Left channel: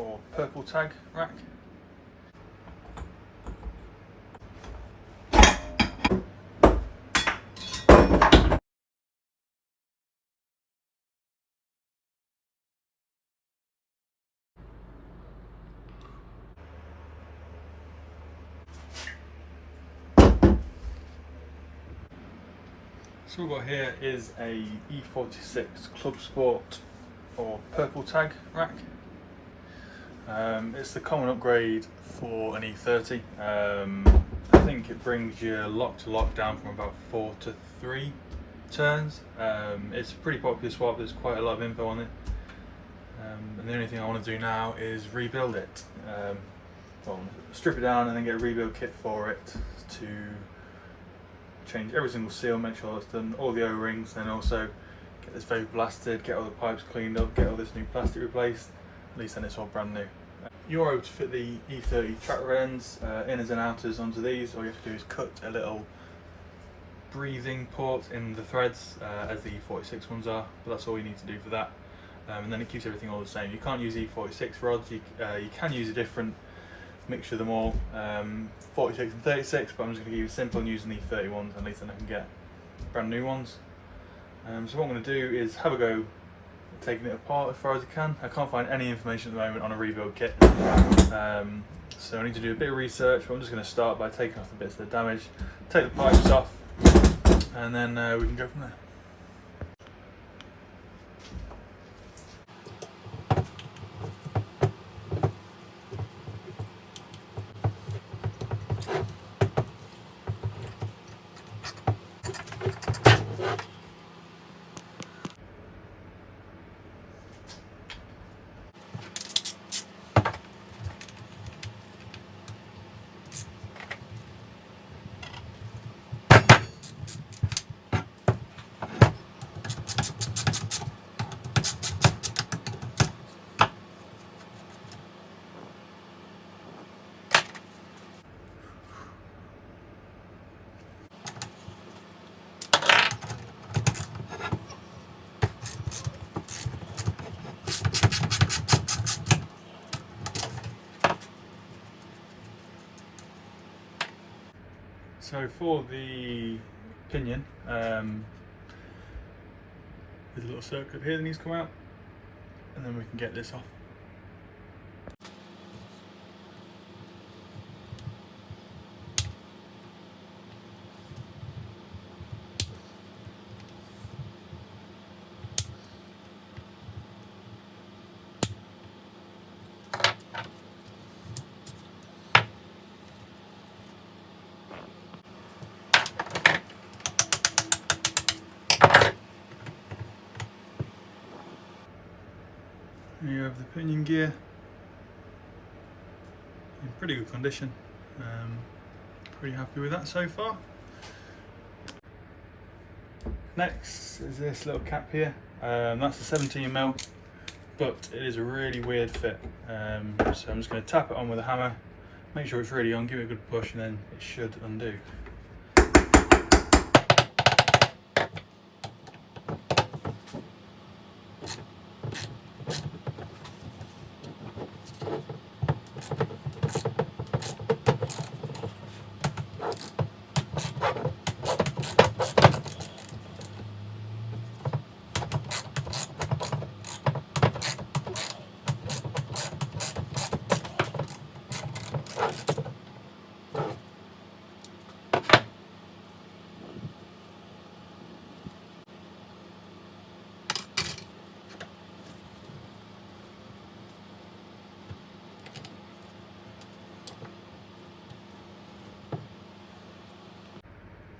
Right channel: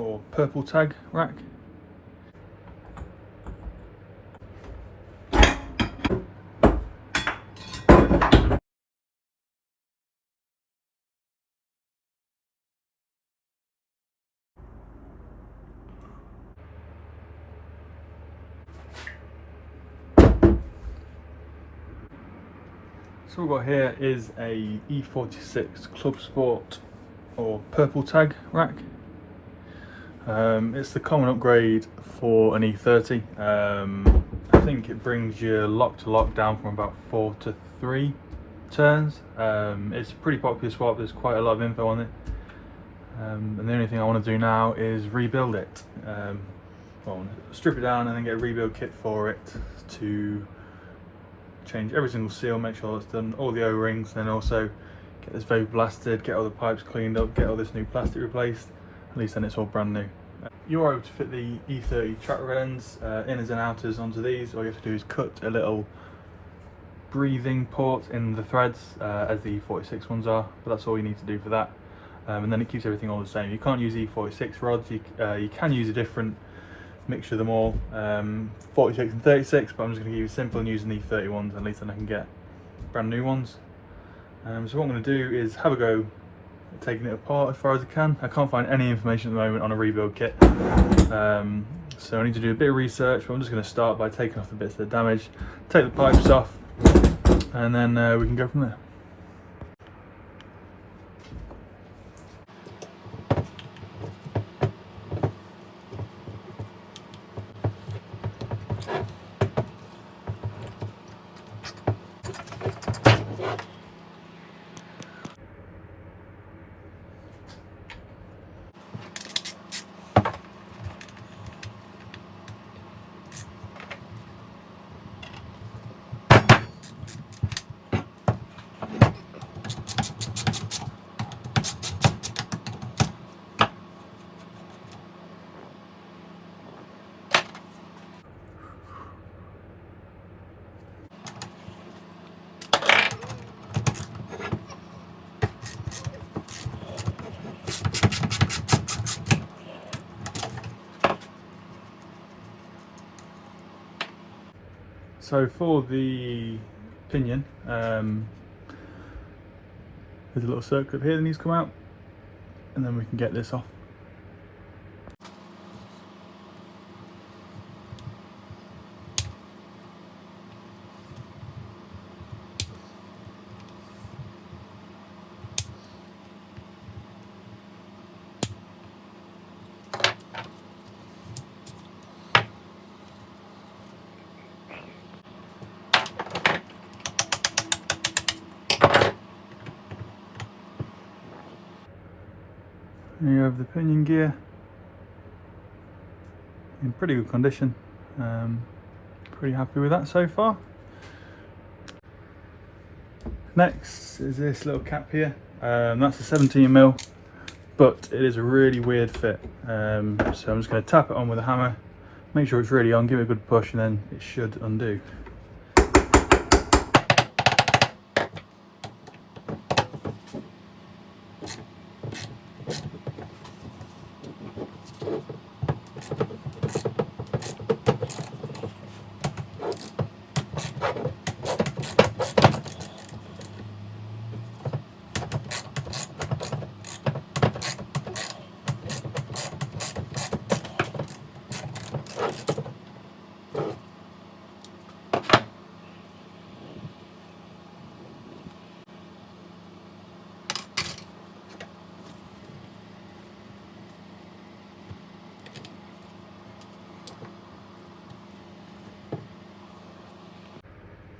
or purple tag rack. So what we've got here is a E46 Club Sport or purple tag rack. It's the common upgrade for an E30. I think it brings your lock to lock down from about 4 to 3 turns. It's a pretty popular swap, there's quite a lot of info on it. And the only thing I want to do now is rebuild it. Well, strip it down and then get a rebuild kit for it to change every single seal, make sure it's done, all the O-rings, then also get this vapor blasted, get all the pipes cleaned up, get all this new plastic replaced. At least then it's all brand new. You're able to fit the E30 track rod ends, inners and outers onto these. All you have to do is cut a little breathing port in the threads as the E46 ones are, but that's all you need to do for that. And then it keeps everything all the same. You can't use E46 rods, you can use a different mixture of them all, 46 and 36, but I'm just going to keep it simple and using the 30 ones, at least then I can get brand new ones. So what I'm going to do is have a go at taking it apart as far as I can. I can't find any information at the moment on a rebuild kit, so I need to do a bit of research, but I'm just going to start by taking off the bits that are damaged, take the pipes off, and then we can go from there. So for the pinion, there's a little circlip here that needs to come out, and then we can get this off. There you have the pinion gear, in pretty good condition. Pretty happy with that so far. Next is this little cap here. That's a 17mm, but it is a really weird fit. So I'm just going to tap it on with a hammer, make sure it's really on, give it a good push, and then it should undo.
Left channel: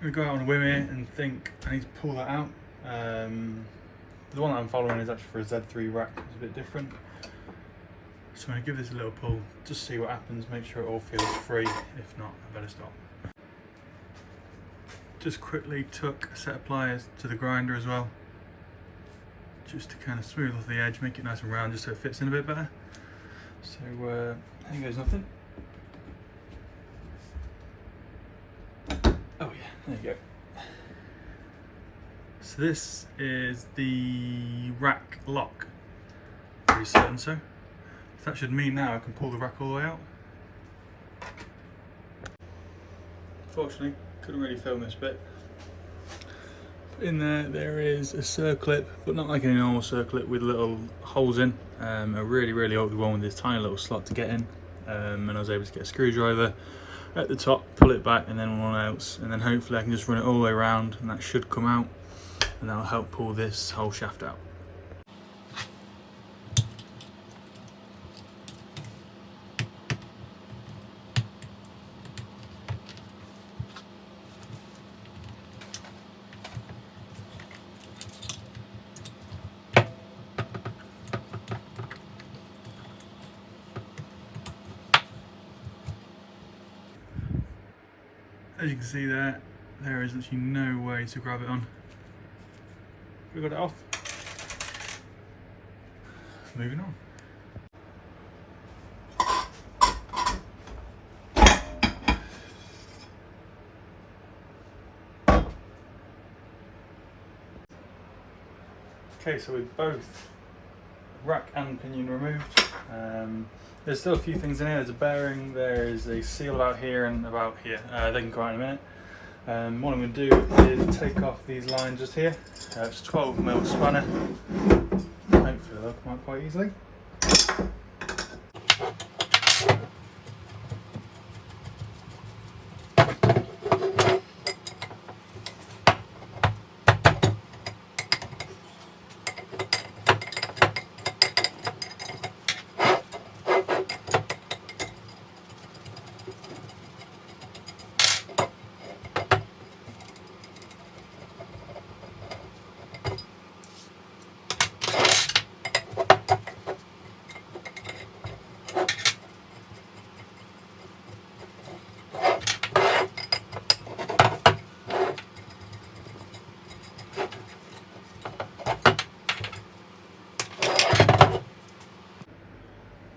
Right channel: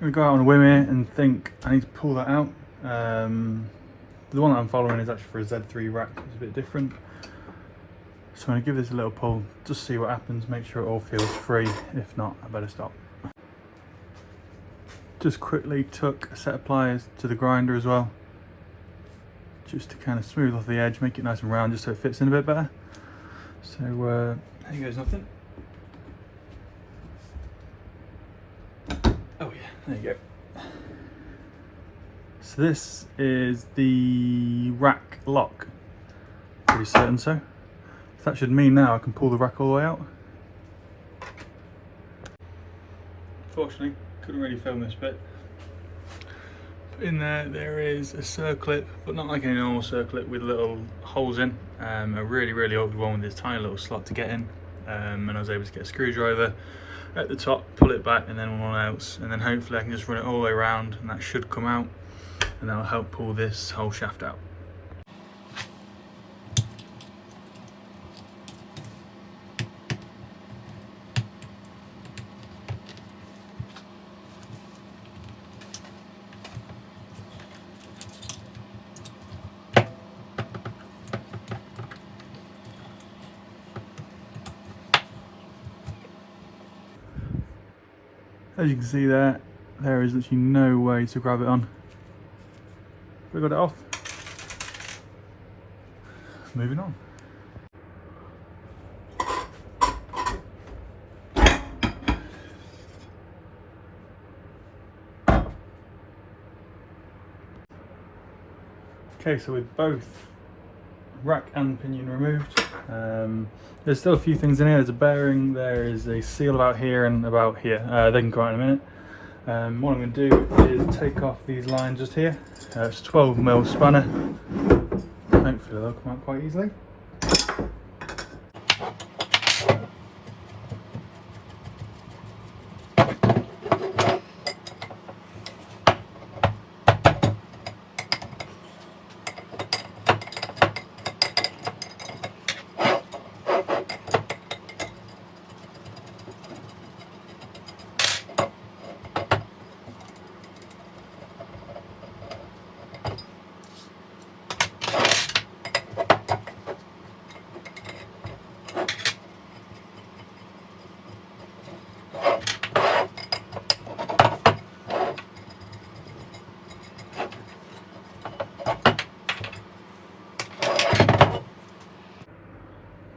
I'm going to go out on a whim here and think I need to pull that out. The one that I'm following is actually for a Z3 rack, it's a bit different. So I'm going to give this a little pull, just see what happens, make sure it all feels free. If not, I better stop. Just quickly took a set of pliers to the grinder as well, just to kind of smooth off the edge, make it nice and round, just so it fits in a bit better. So there goes nothing. Oh yeah, there you go. So this is the rack lock, pretty certain so. So that should mean now I can pull the rack all the way out. Fortunately, couldn't really film this bit. In there is a circlip, but not like any normal circlip, with little holes in. A really old one with this tiny little slot to get in. And I was able to get a screwdriver at the top, pull it back, and then one else, and then hopefully I can just run it all the way around, and that should come out, and that'll help pull this whole shaft out. As you can see there is actually no way to grab it on. We got it off. Moving on. Okay, so with both rack and pinion removed, there's still a few things in here. There's a bearing, there is a seal about here and about here. They can come out in a minute. What I'm going to do is take off these lines just here. It's a 12mm spanner. Hopefully they'll come out quite easily.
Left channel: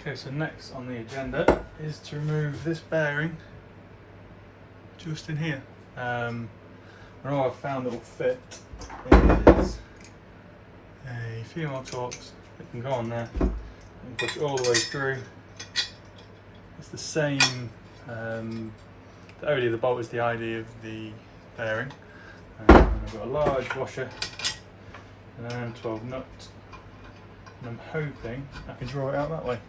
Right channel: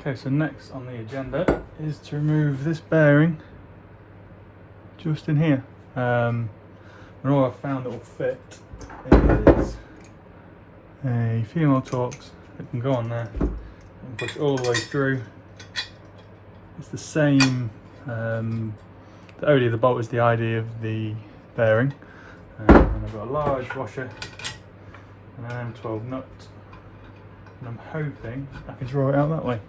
Okay, so next on the agenda is to remove this bearing just in here. And all I've found that will fit is a female Torx that can go on there and push all the way through. It's the same, only the bolt is the ID of the bearing. And I've got a large washer and an M12 nut. And I'm hoping I can draw it out that way.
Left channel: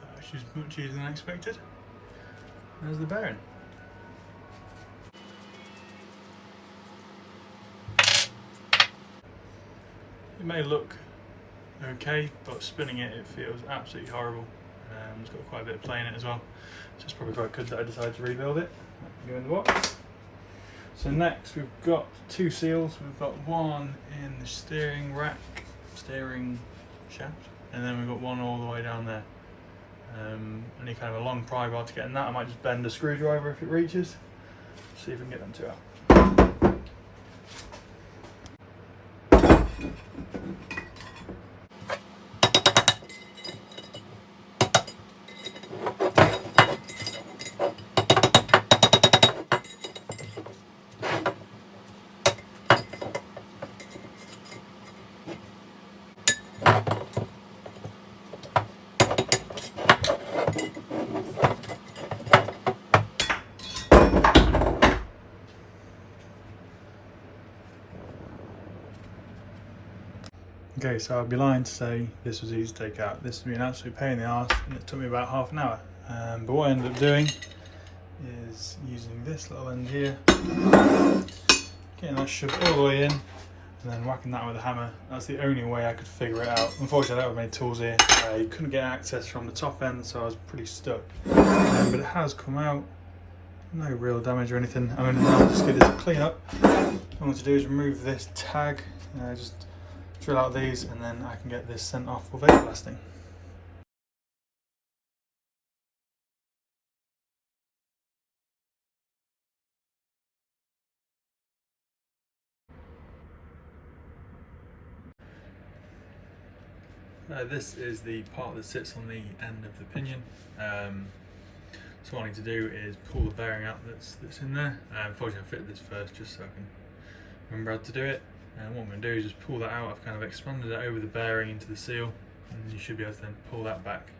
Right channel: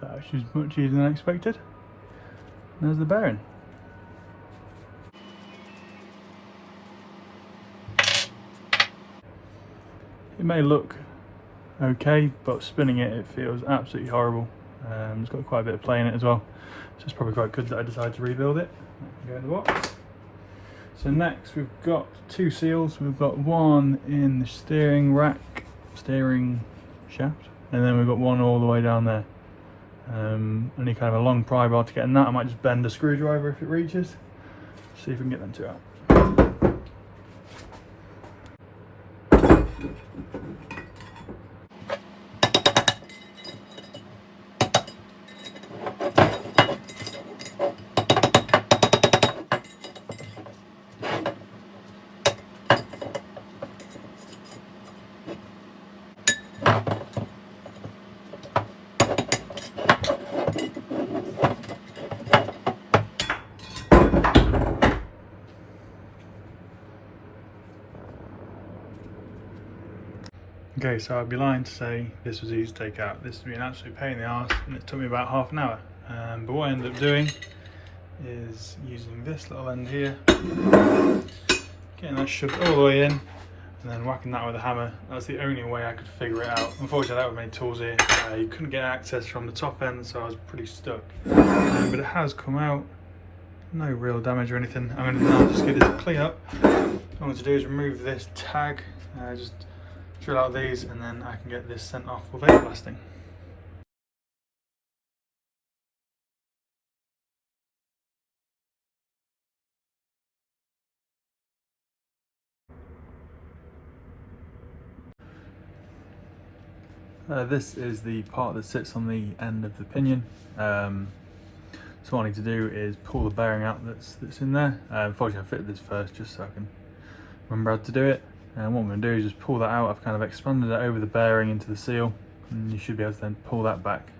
That was much easier than I expected. There's the bearing. It may look okay, but spinning it, it feels absolutely horrible. It's got quite a bit of play in it as well, so it's probably quite good that I decided to rebuild it. Go in the box. So next we've got two seals. We've got one in the steering rack, steering shaft, and then we've got one all the way down there. Only kind of a long pry bar to get in that. I might just bend a screwdriver if it reaches. See if we can get them two out. Okay, so I'd be lying to say this was easy to take out. This has been an absolute pain in the arse, and it took me about half an hour. But what I ended up doing is using this little end here, getting that shoved all the way in, and then whacking that with a hammer. That's the only way I could figure it out. Unfortunately, I don't have any tools here. You couldn't get access from the top end, so I was pretty stuck. But it has come out. No real damage or anything. I'm going to just get this clean up. What I want to do is remove this tag. Just drill out these, and then I can get this sent off for vapor blasting. This is the part that sits on the end of the pinion. So what I need to do is pull the bearing out that's in there. Unfortunately I fitted this first just so I can remember how to do it. And what I'm going to do is just pull that out. I've kind of expanded it over the bearing into the seal, and you should be able to then pull that back.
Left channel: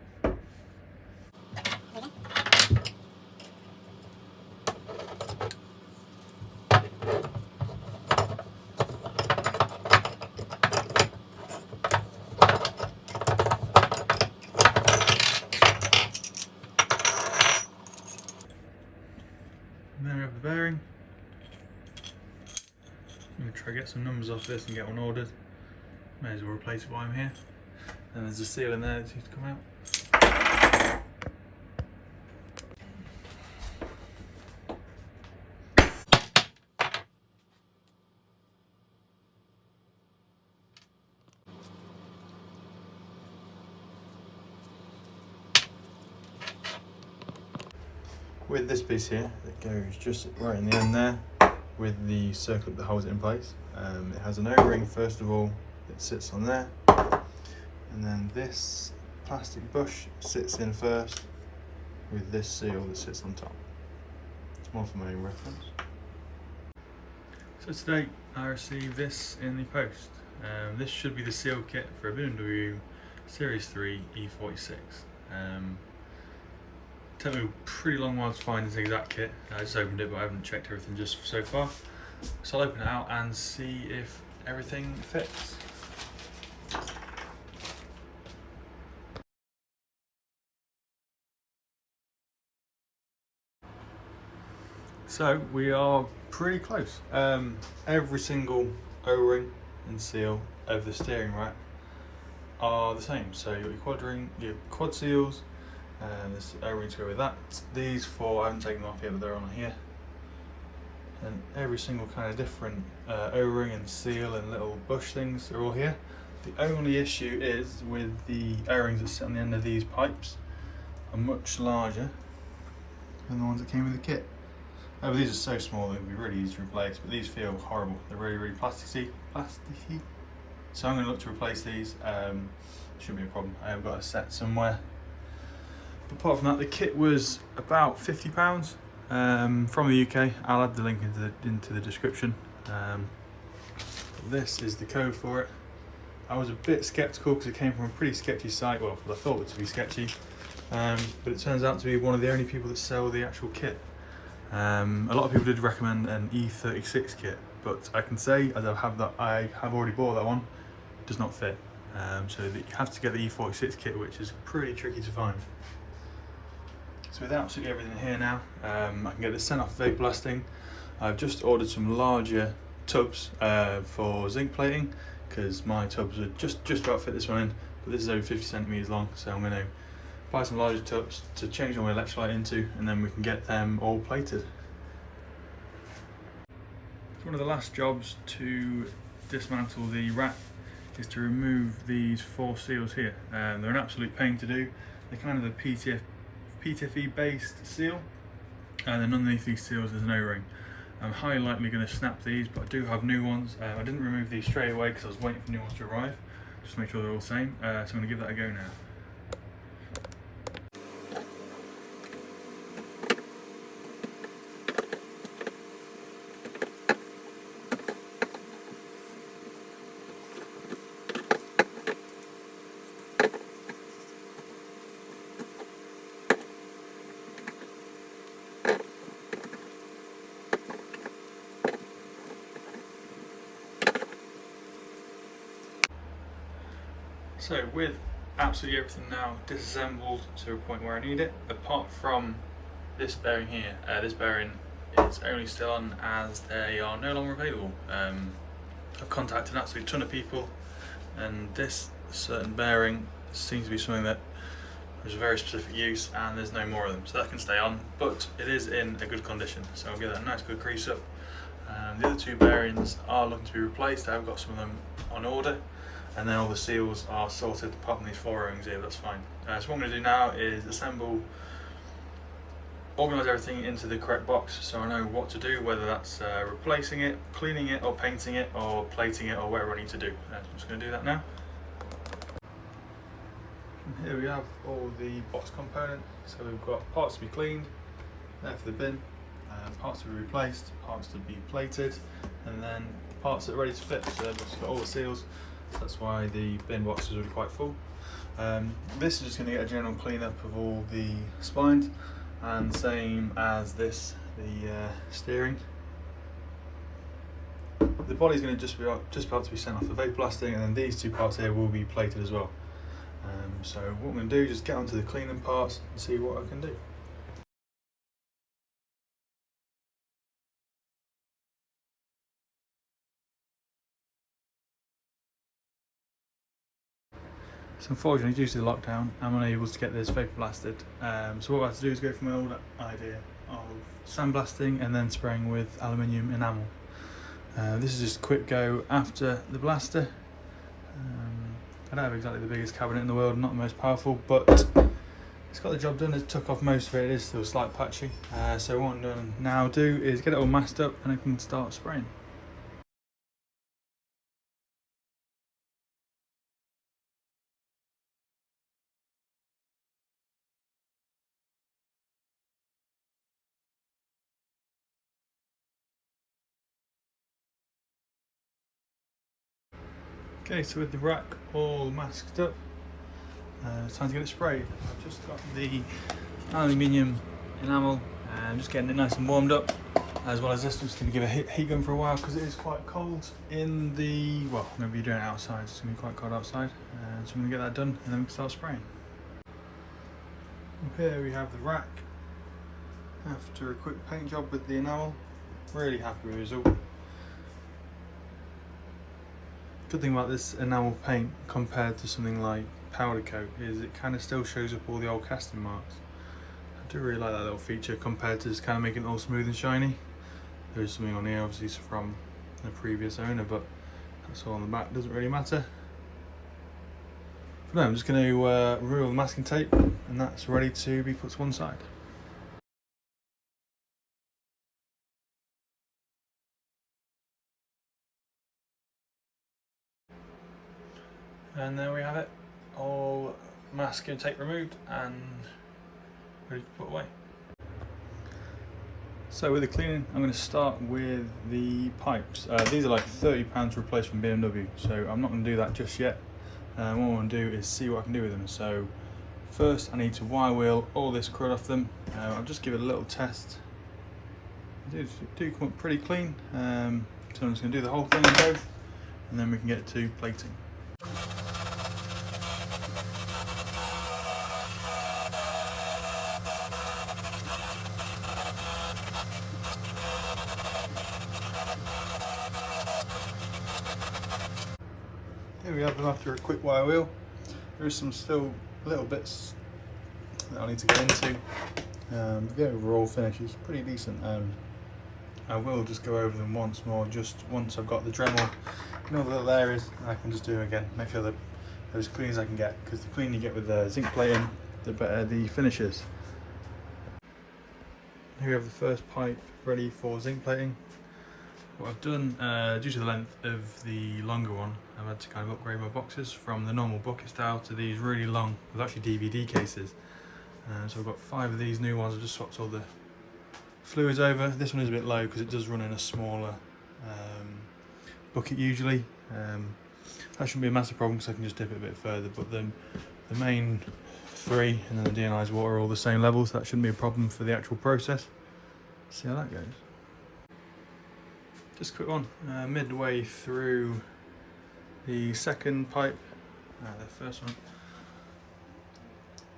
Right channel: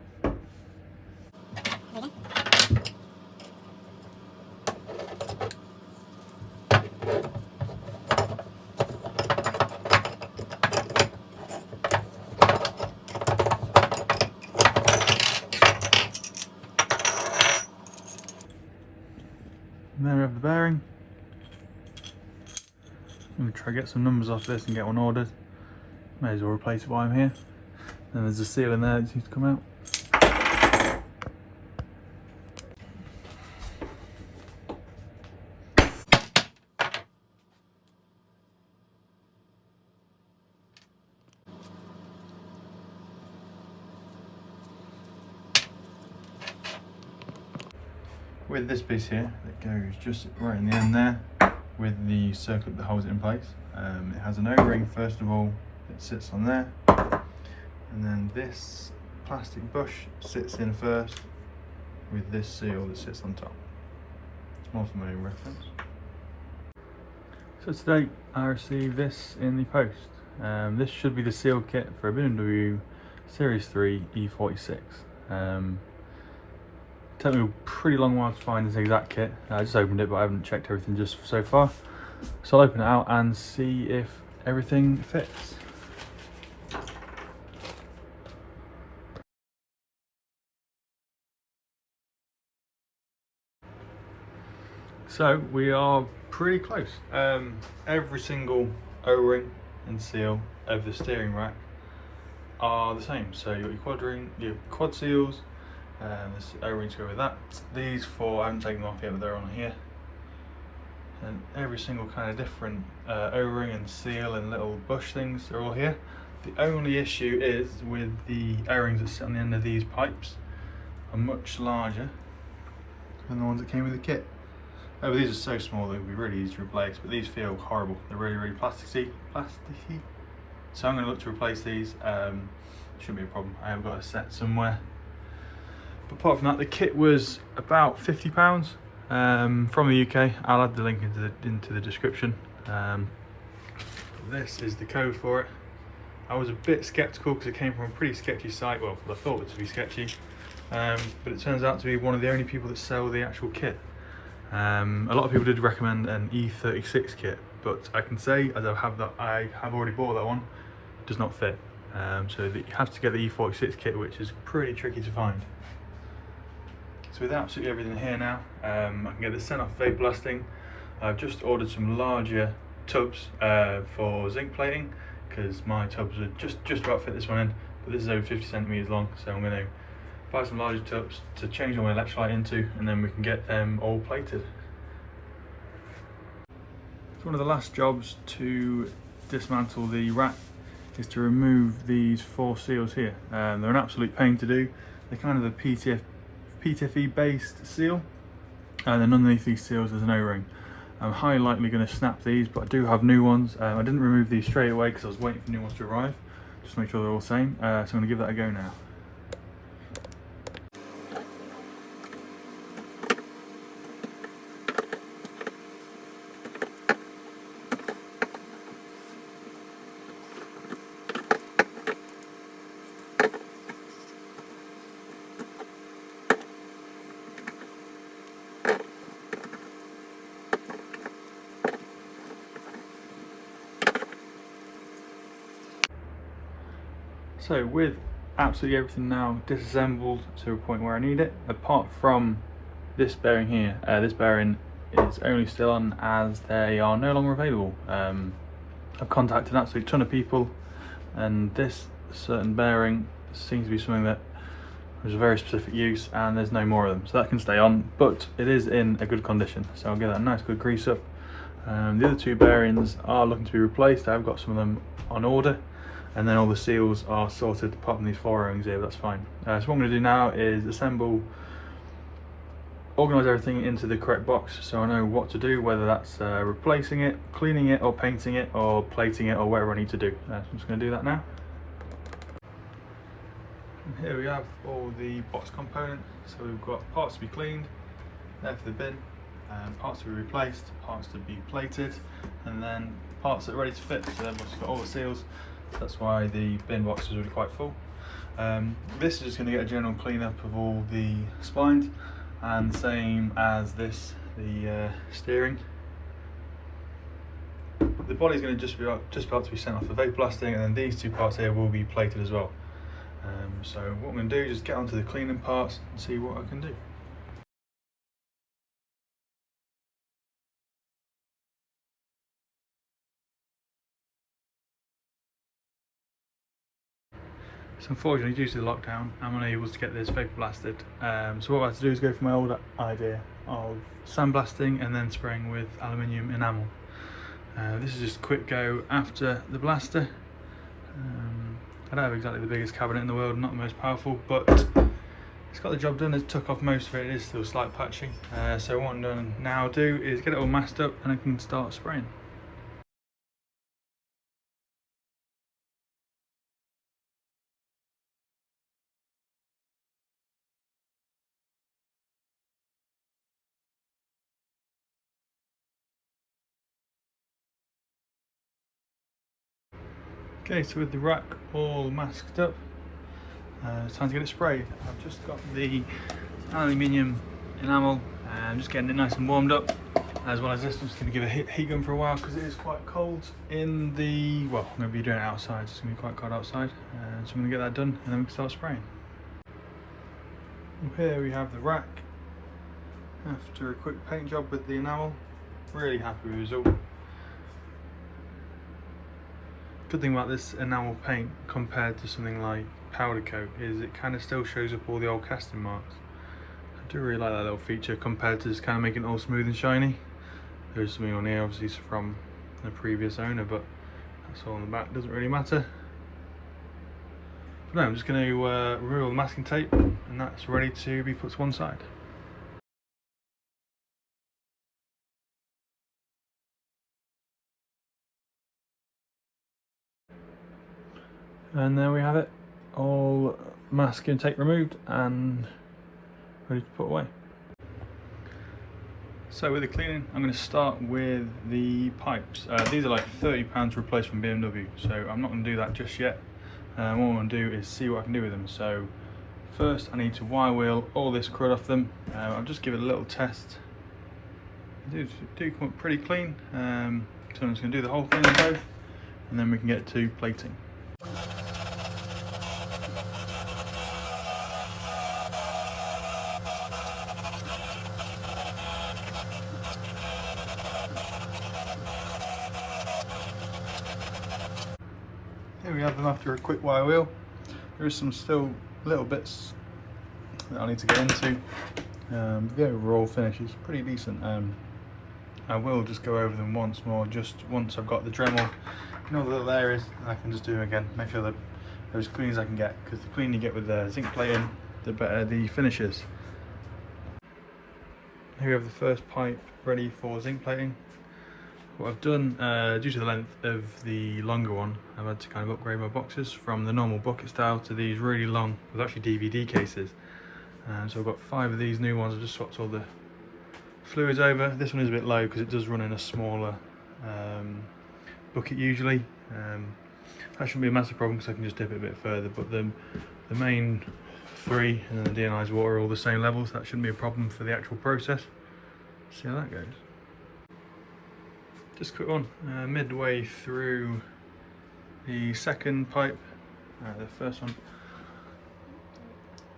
And there we have the bearing. I'm going to try to get some numbers off this and get one ordered. May as well replace it while I'm here. And there's a seal in there that needs to come out. With this piece here, it goes just right in the end there with the circlip that holds it in place. It has an O-ring first of all that sits on there, and then this plastic bush sits in first with this seal that sits on top. It's more for my own reference. So today I received this in the post. This should be the seal kit for a BMW Series 3 E46. Took me a pretty long while to find this exact kit. I just opened it, but I haven't checked everything just so far. So I'll open it out and see if everything fits. So we are pretty close. Every single O-ring and seal of the steering rack are the same. So you've got your quad seals, and this O-ring to go with that. These four, I haven't taken them off yet, but they're on here. And every single kind of different O-ring and seal and little bush things are all here. The only issue is with the O-rings that sit on the end of these pipes are much larger than the ones that came with the kit. Oh, but these are so small they would be really easy to replace, but these feel horrible. They're really, really plasticky. So I'm going to look to replace these. Shouldn't be a problem. I have got a set somewhere. But apart from that, the kit was about £50 from the UK. I'll add the link into the description. This is the code for it. I was a bit skeptical because it came from a pretty sketchy site. Well, I thought it to be sketchy, but it turns out to be one of the only people that sell the actual kit. A lot of people did recommend an E36 kit, but I can say, as I have already bought that one, it does not fit. So you have to get the E46 kit, which is pretty tricky to find. So with absolutely everything here now, I can get this sent off vape blasting. I've just ordered some larger tubs for zinc plating, because my tubs would just about fit this one in, but this is over 50 centimeters long, so I'm going to buy some larger tubs to change all my electrolyte into, and then we can get them all plated. So one of the last jobs to dismantle the rack is to remove these four seals here. They're an absolute pain to do. They're kind of a PTFE based seal, and then underneath these seals there's an O-ring. I'm highly likely going to snap these, but I do have new ones. I didn't remove these straight away because I was waiting for new ones to arrive, just to make sure they're all the same. So I'm going to give that a go now. So with absolutely everything now disassembled to a point where I need it, apart from this bearing here, this bearing is only still on as they are no longer available. I've contacted an absolute ton of people, and this certain bearing seems to be something that has a very specific use, and there's no more of them, so that can stay on, but it is in a good condition, so I'll get that nice good grease up. The other two bearings are looking to be replaced. I've got some of them on order, and then all the seals are sorted apart from these four O-rings here. That's fine. So what I'm going to do now is organise everything into the correct box, so I know what to do, whether that's replacing it, cleaning it, or painting it, or plating it, or whatever I need to do. So I'm just going to do that now. And here we have all the box components. So we've got parts to be cleaned, there for the bin, parts to be replaced, parts to be plated, and then parts that are ready to fit. So they've got all the seals. So that's why the bin box is really quite full. This is just going to get a general clean up of all the spines, and same as this, the steering. The body's going to just about to be sent off the vape blasting, and then these two parts here will be plated as well. So what I'm going to do is just get onto the cleaning parts and see what I can do. So unfortunately, due to the lockdown, I'm unable to get this vapor blasted. So what I have to do is go for my old idea of sandblasting and then spraying with aluminium enamel. This is just a quick go after the blaster. I don't have exactly the biggest cabinet in the world, not the most powerful, but it's got the job done. It took off most of it. It is still slight patching. So what I'm going to now do is get it all masked up and I can start spraying. Okay, so with the rack all masked up, it's time to get it sprayed. I've just got the aluminium enamel and just getting it nice and warmed up. As well as this, I'm just going to give a heat gun for a while because it is quite cold in the, well, maybe you're doing it outside, it's going to be quite cold outside. So I'm going to get that done and then we can start spraying. Up here we have the rack. After a quick paint job with the enamel, really happy with the result. Good thing about this enamel paint compared to something like powder coat is it kind of still shows up all the old casting marks. I do really like that little feature compared to just kind of making it all smooth and shiny. There's something on here obviously from the previous owner, but that's all on the back, doesn't really matter. No, I'm just going to remove all the masking tape and that's ready to be put to one side. And there we have it, all masking tape removed and ready to put away. So with the cleaning, I'm going to start with the pipes. These are like £30 to replace from BMW, so I'm not going to do that just yet. What I'm going to do is see what I can do with them. So first I need to wire wheel all this crud off them. I'll just give it a little test. They do come up pretty clean, so I'm just going to do the whole thing on both and then we can get to plating. Here we have them after a quick wire wheel. There is some still little bits that I need to get into. The overall finish is pretty decent. I will just go over them once more, just once I've got the Dremel in all the little areas, and I can just do them again, make sure that they're as clean as I can get, because the cleaner you get with the zinc plating, the better the finish is. Here we have the first pipe ready for zinc plating. What I've done, due to the length of the longer one, I've had to kind of upgrade my boxes from the normal bucket style to these really long, with actually DVD cases. So I've got 5 of these new ones. I've just swapped all the fluids over. This one is a bit low because it does run in a smaller bucket usually. That shouldn't be a massive problem because I can just dip it a bit further, but the main 3 and then the deionized water are all the same level, so that shouldn't be a problem for the actual process. See how that goes. Just a quick one, midway through the second pipe, the first one,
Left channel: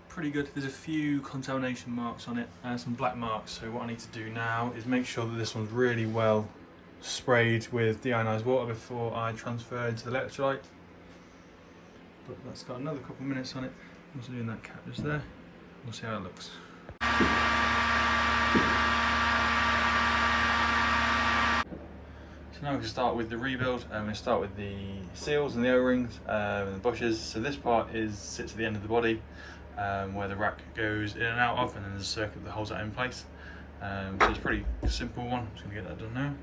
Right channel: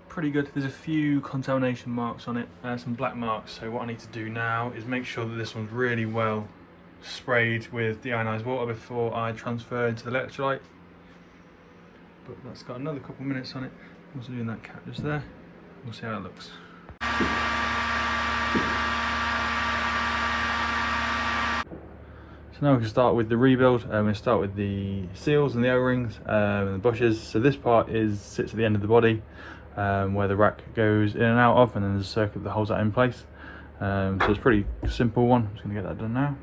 pretty good. There's a few contamination marks on it and some black marks, so what I need to do now is make sure that this one's really well sprayed with deionized water before I transfer into the electrolyte. But that's got another couple of minutes on it. I'm also doing that cap just there. We'll see how it looks. So now we can start with the rebuild. I'm going to start with the seals and the O-rings and the bushes. So this part sits at the end of the body where the rack goes in and out of, and then there's a circuit that holds that in place. So it's a pretty simple one. I'm just going to get that done now.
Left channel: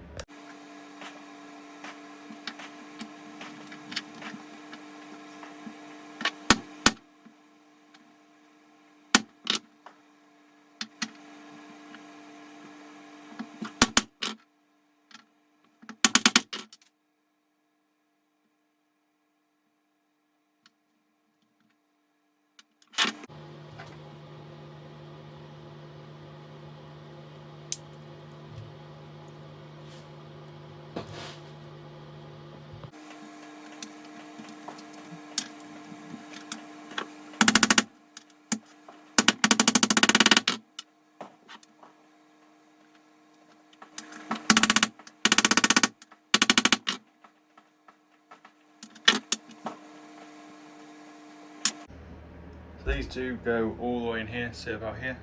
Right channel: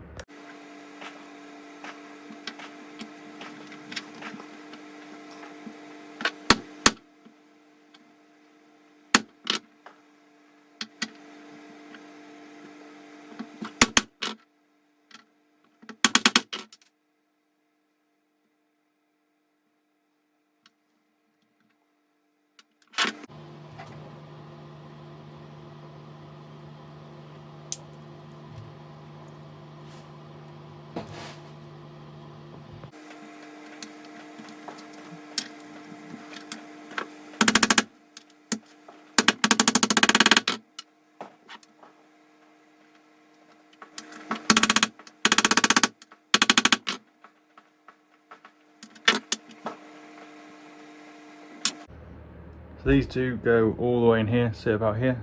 These two go all the way in here, sit about here,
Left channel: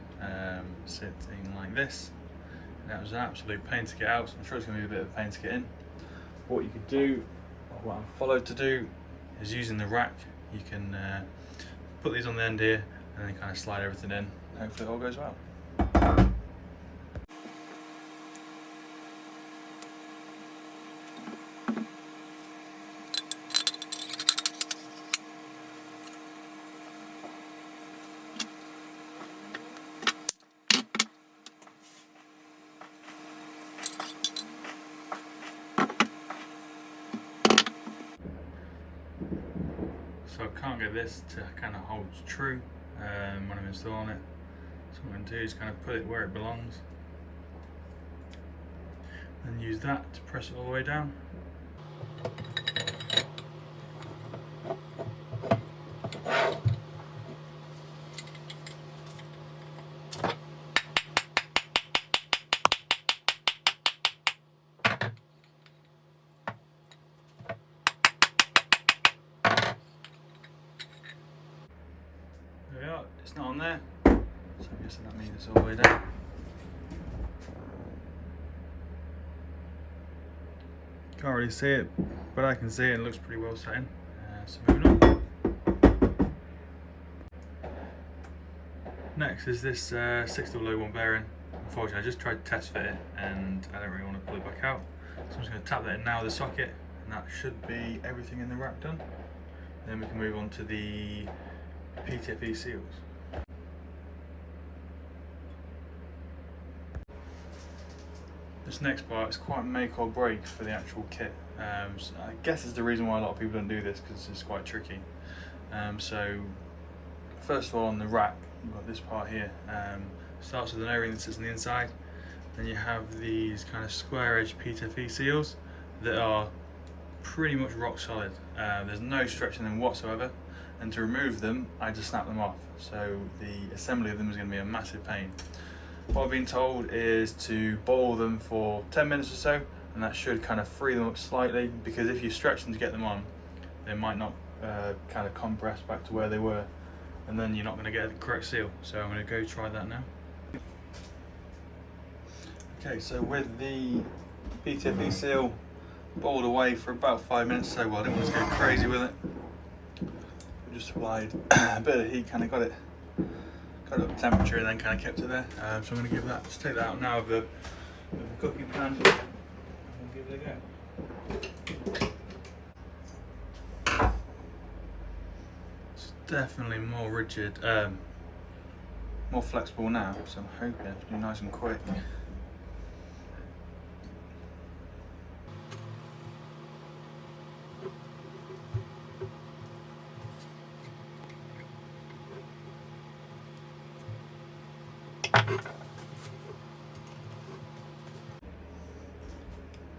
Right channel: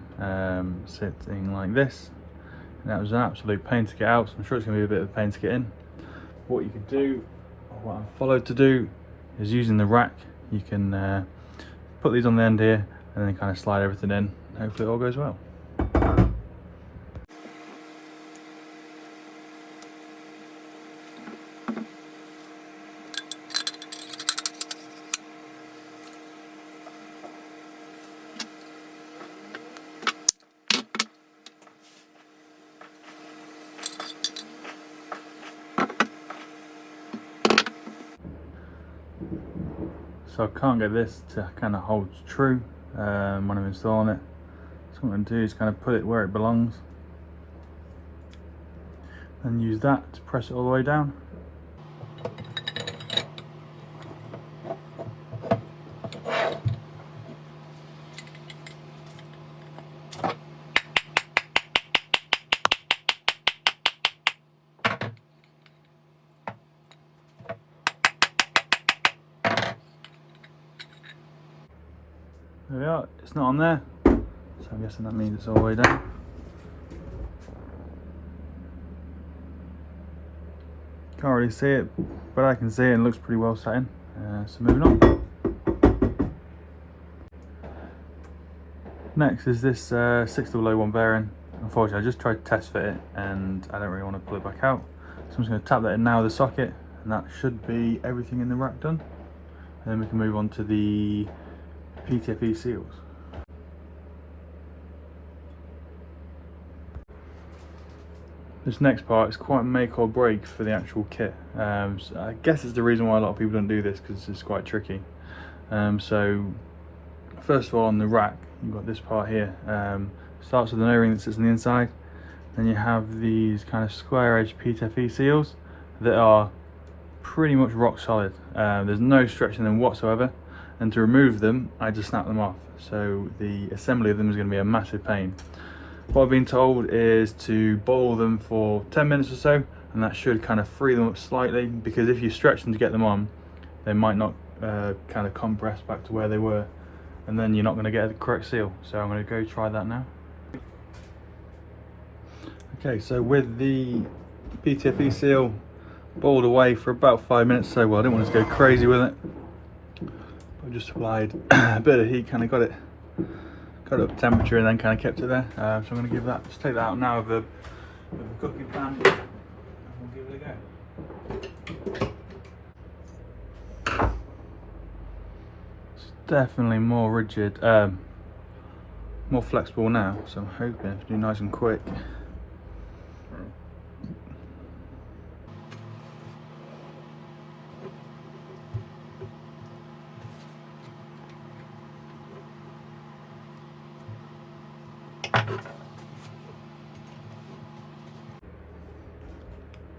sitting like this. And that was an absolute pain to get out, so I'm sure it's going to be a bit of a pain to get in. What you can do, or what I'm followed to do, is using the rack. You can put these on the end here and then kind of slide everything in. Hopefully it all goes well. So I can't get this to kind of hold true when I'm installing it. So what I'm going to do is kind of put it where it belongs and use that to press it all the way down. There we are, it's not on there, so I'm guessing that means it's all the way down. Can't really see it, but I can see it and it looks pretty well set in. So moving on. Next is this 6001 bearing. Unfortunately, I just tried to test fit it and I don't really want to pull it back out. So I'm just going to tap that in now with the socket, and that should be everything in the rack done. And then we can move on to the PTFE seals. This next part is quite make or break for the actual kit. So I guess it's the reason why a lot of people don't do this, because it's quite tricky. So first of all, on the rack, you've got this part here. Starts with an O-ring that sits on the inside. Then you have these kind of square edge PTFE seals that are pretty much rock solid. There's no stretch in them whatsoever. And to remove them, I just snap them off. So the assembly of them is going to be a massive pain. What I've been told is to boil them for 10 minutes or so, and that should kind of free them up slightly, because if you stretch them to get them on, they might not kind of compress back to where they were, and then you're not going to get the correct seal. So I'm going to go try that now. Okay, so with the PTFE seal boiled away for about 5 minutes, so well, I didn't want to go crazy with it. I just applied a bit of heat, kind of got it up temperature and then kind of kept it there. So I'm going to give that, take that out now with a cooking pan, and we'll give it a go. It's definitely more rigid, more flexible now, so I'm hoping it's do nice and quick.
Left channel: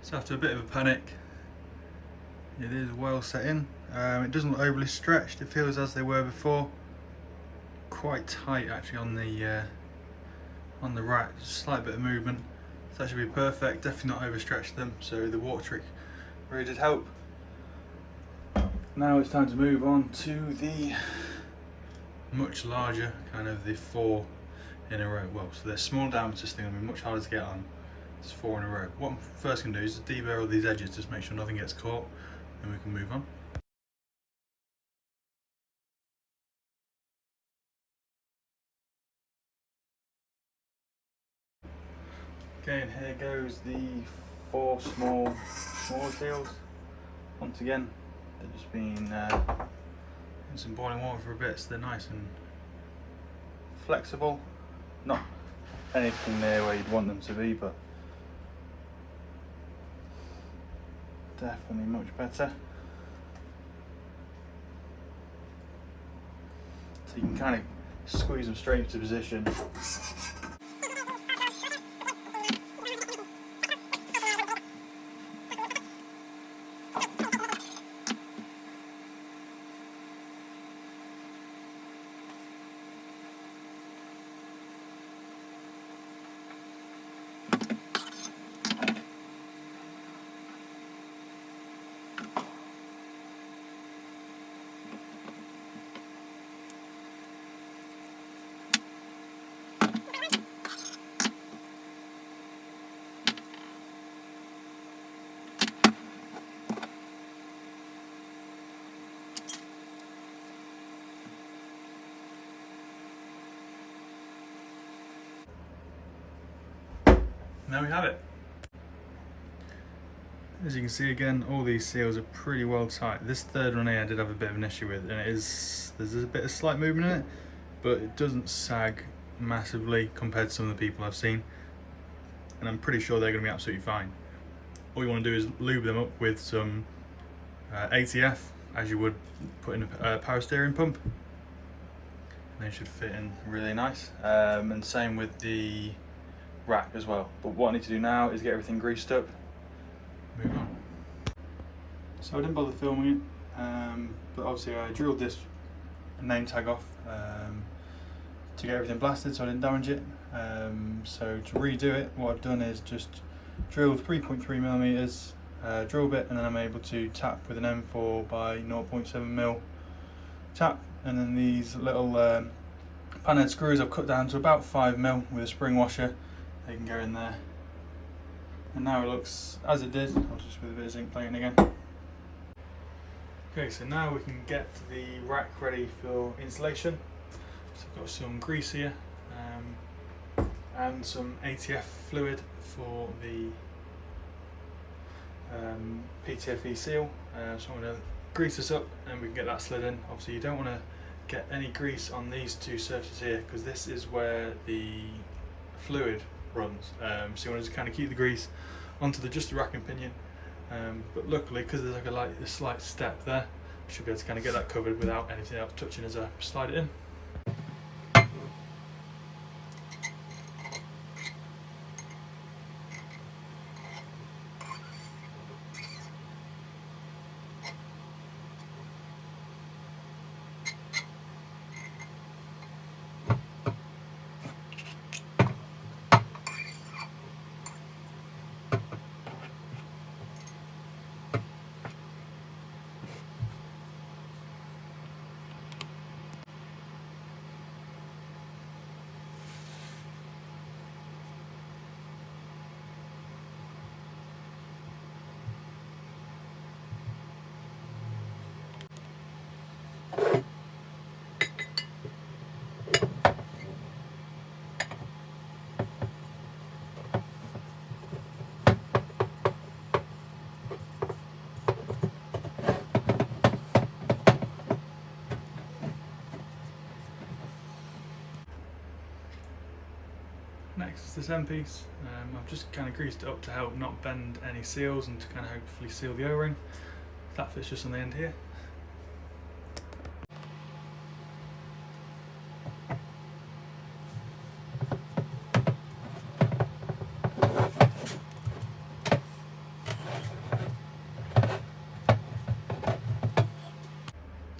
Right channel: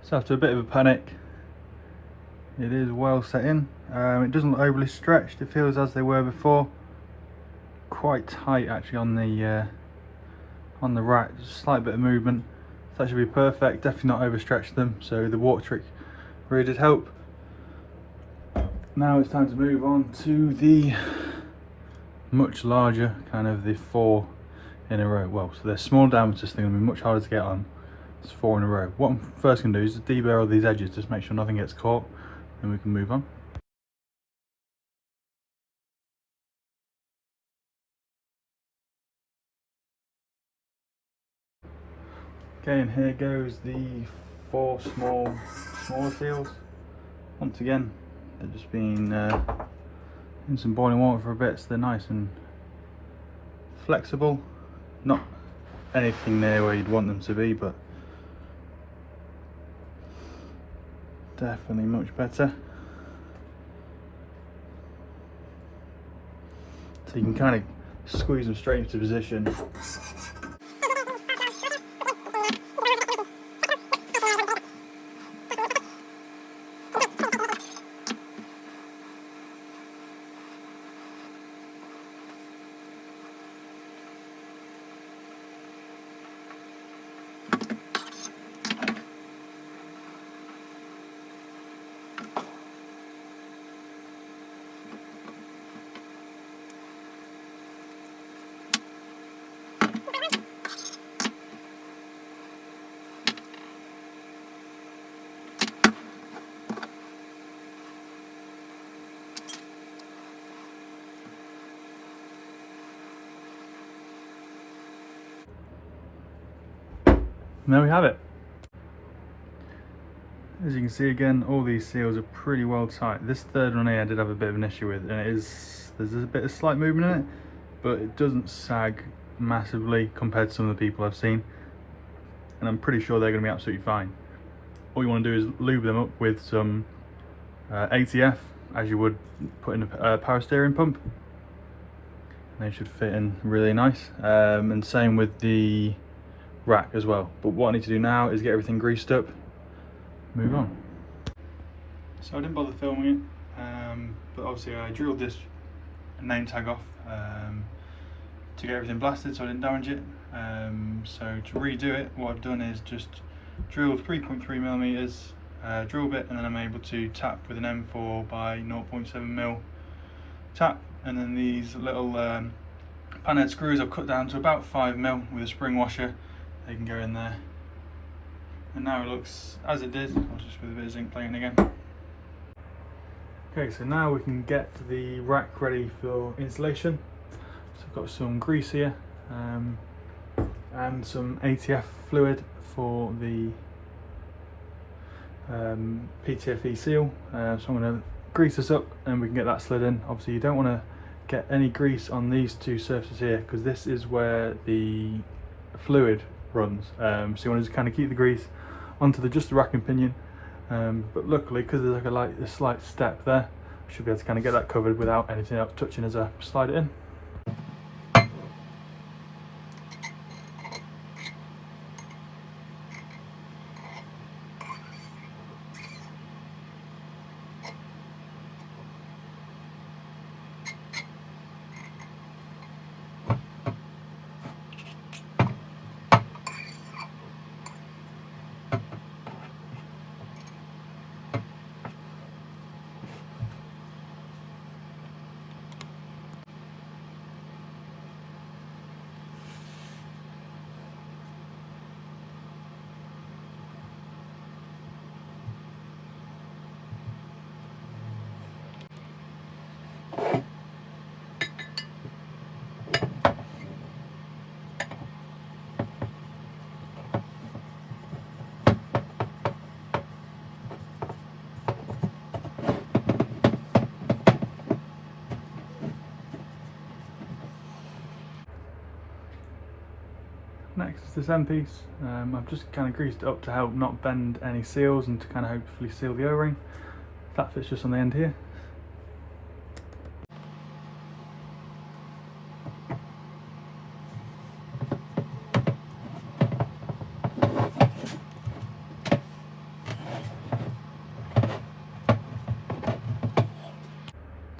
So after a bit of a panic, it is well set in. It doesn't look overly stretched. It feels as they were before. Quite tight actually on the rack. Just a slight bit of movement. So that should be perfect. Definitely not overstretched them. So the warp trick really did help. Now it's time to move on to the much larger kind of the 4 in a row. Well, so they're small diameter, so they're going to be much harder to get on. It's 4 in a row. What I'm first going to do is deburr these edges, just make sure nothing gets caught, and we can move on. Okay, and here goes the 4 small seals. Once again, they're just being in some boiling water for a bit, so they're nice and flexible. Not anything near where you'd want them to be, but definitely much better. So you can kind of squeeze them straight into position. And there we have it. As you can see again, all these seals are pretty well tight. This third one here I did have a bit of an issue with, and there's a bit of slight movement in it, but it doesn't sag massively compared to some of the people I've seen, and I'm pretty sure they're going to be absolutely fine. All you want to do is lube them up with some ATF, as you would put in a power steering pump, and they should fit in really nice. And same with the rack as well. But what I need to do now is get everything greased up, move on. So I didn't bother filming it, but obviously I drilled this name tag off to get everything blasted so I didn't damage it. So to redo it, what I've done is just drilled 3.3mm drill bit, and then I'm able to tap with an M4 by 0.7mm tap, and then these little panhead screws I've cut down to about 5mm with a spring washer. They can go in there, and now it looks as it did. I'll just with a bit of zinc plating again. Okay, so now we can get the rack ready for installation. So I've got some grease here and some ATF fluid for the PTFE seal. So I'm going to grease this up and we can get that slid in. Obviously you don't want to get any grease on these two surfaces here, because this is where the fluid runs. So you want to just kind of keep the grease onto just the rack and pinion. But luckily, because there's like a slight step there, I should be able to kind of get that covered without anything else touching as I slide it in. Next is this end piece. I've just kind of greased it up to help not bend any seals and to kind of hopefully seal the O-ring. That fits just on the end here.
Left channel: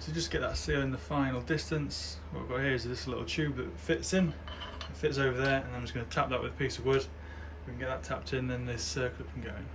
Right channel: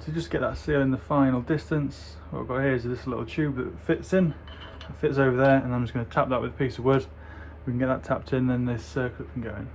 To just get that seal in the final distance, what I've got here is this little tube that fits in. It fits over there, and I'm just going to tap that with a piece of wood. We can get that tapped in, then this circlip can go in.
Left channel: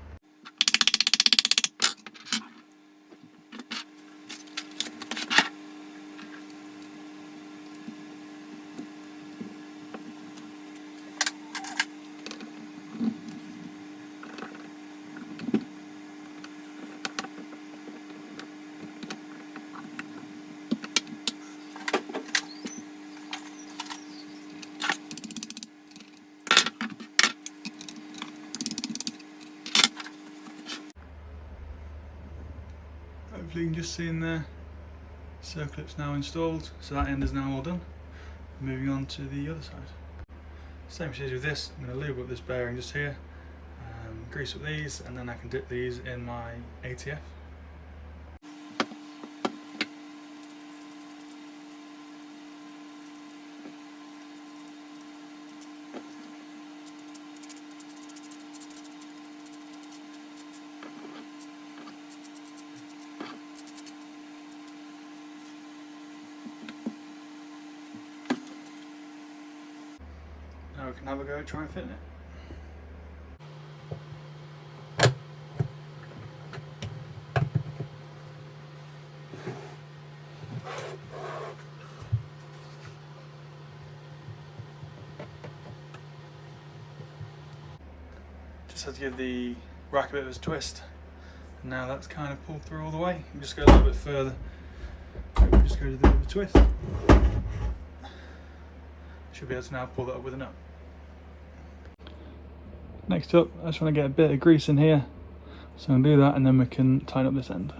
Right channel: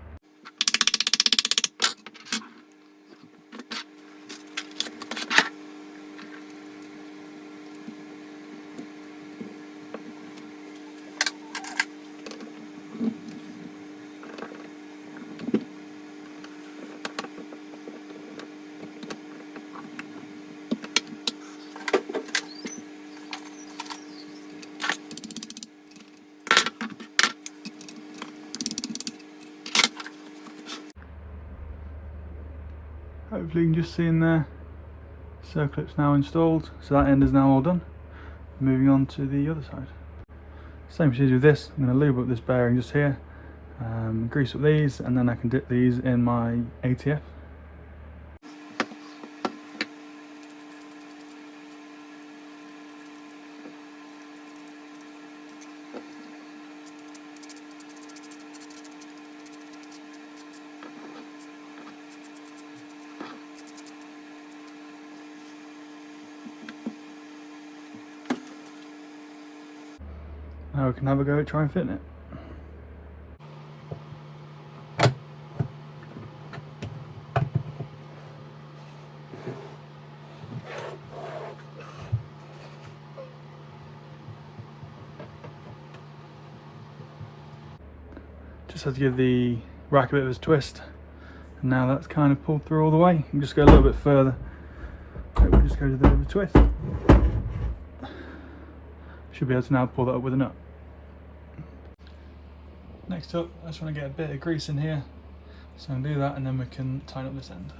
Hopefully you can just see in there, circlip's now installed, so that end is now all done. Moving on to the other side. Same procedure with this. I'm going to lube up this bearing just here, grease up these, and then I can dip these in my ATF. Now we can have a go at trying fitting it. Just have to give the rack a bit of a twist, and now that's kind of pulled through all the way. You can just go a little bit further. Maybe just go to the twist. Should be able to now pull that up with a nut. Next up, I just want to get a bit of grease in here, so I'll do that and then we can tighten up this end.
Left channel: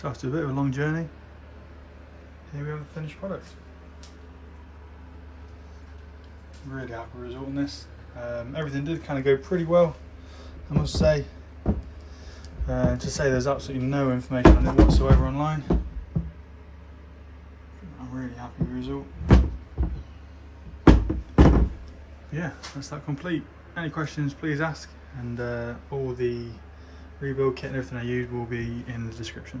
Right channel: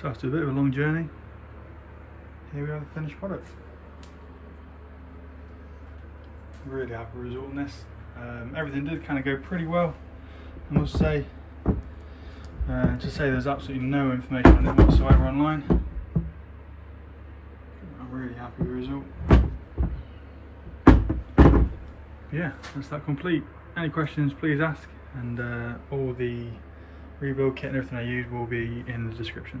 So after a bit of a long journey, here we have the finished product. I'm really happy with the result on this. Everything did kind of go pretty well, I must say. To say there's absolutely no information on it whatsoever online. I'm really happy with the result. Yeah, that's that complete. Any questions, please ask, and all the rebuild kit and everything I use will be in the description.